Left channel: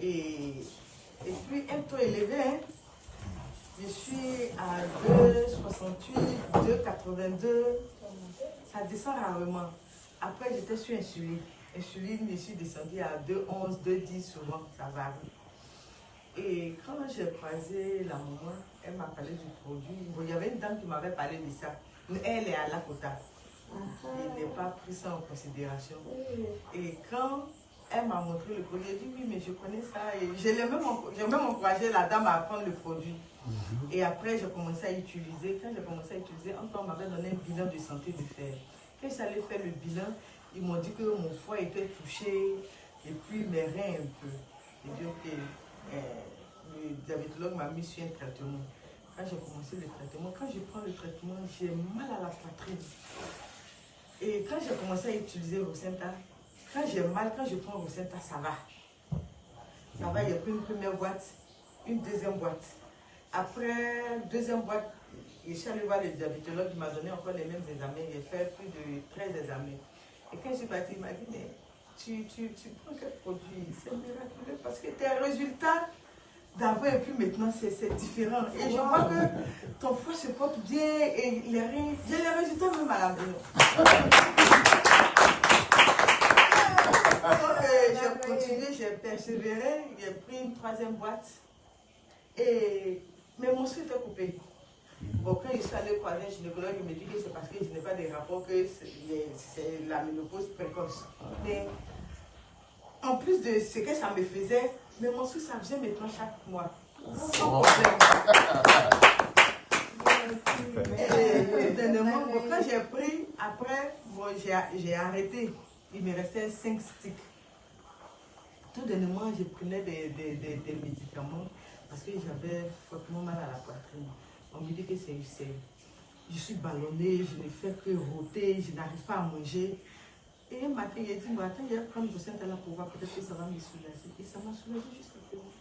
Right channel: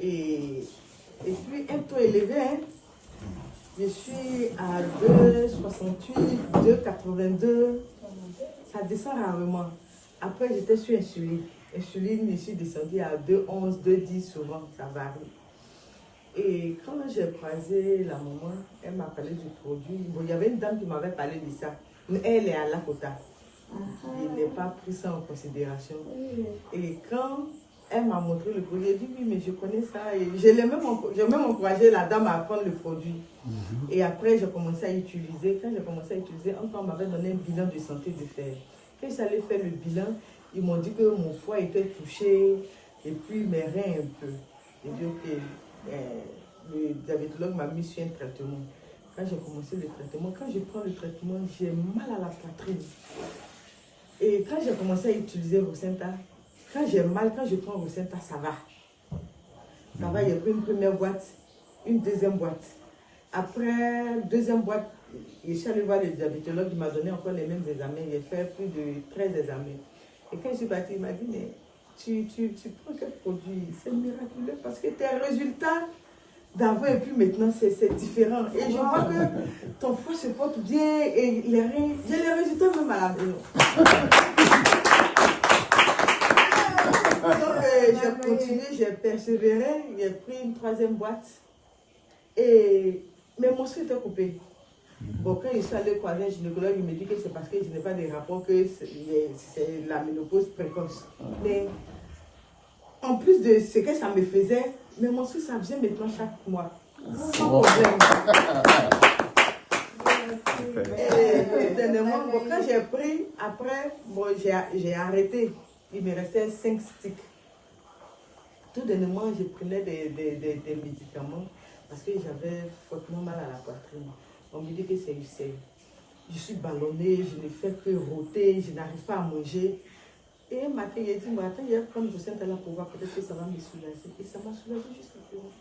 Et puis, un taux élevé, hein. Je suis à 2,68, 2,82. Ça descend rarement. Après, j'étais sur insuline. Insuline, je suis descendue à 2,11, 2,10 souvent, ça varie. Et quand j'ai croisé la maman, elle m'a parlé du produit. Bon, il y avait une dame qui m'avait parlé de ça. Elle est à Lakota. Je n'ai pas pris ça en considération. Et quand elle m'a montré le produit, j'ai dit oui, mais je connais ça. Et j'ai même encouragé la dame à prendre le produit. Et après, j'ai commencé à utiliser. Quand j'ai commencé à utiliser, encore on m'avait donné un bilan de santé de fer. Quand j'allais faire le bilan, ils m'ont dit que mon foie était touché et puis mes reins un peu. J'ai dit ok, le diabétologue m'a mis sur un traitement. Quand j'ai commencé le traitement, quand je prends le traitement, j'ai mal à la poitrine. Et quand j'ai commencé à utiliser Rosenta, quand j'ai mal, quand je prends Rosenta, ça va. Ça va, j'ai pris une première boîte, une deuxième boîte. Après, deuxième boîte, je suis allée voir le diabétologue, il m'a donné encore les mêmes examens. J'ai fait plus de 13 examens. Et quand je suis partie, il m'a dit, mais tu prends quel produit? C'est miraculeux parce que tes résultats d'avant et puis maintenant, c'est différent. Et je vois que ton foie se porte bien et les reins, j'ai les résultats même à la maison. Donc, j'ai continué, j'ai persévéré, j'ai pris une troisième boîte. Mais mon sang était coupé. Bon, quand je suis allée croiser un gynécologue, il me dit que c'est parce que je n'ai pas de rapport, que c'est la ménopause précoce. Mais en plus de ce que ça me faisait, mes menstrues, ça vient maintenant chaque mois. Sans problème. Et dernièrement, bon, quand j'ai pris, après, bon, j'ai arrêté. Il me restait 5 sticks. Tout dernièrement, je prenais des médicaments parce que j'avais fortement mal à la poitrine. On me dit que c'est UCI. Je suis ballonnée, je ne fais que rôter, je n'arrive pas à manger. Et un matin, il a dit, attends, il y a comme je sens là pour voir, peut-être que ça va me soulager. Et ça m'a soulagé jusqu'à présent.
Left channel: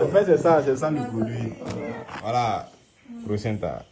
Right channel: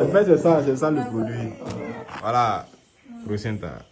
En fait, c'est ça le produit. Voilà, Rosenta.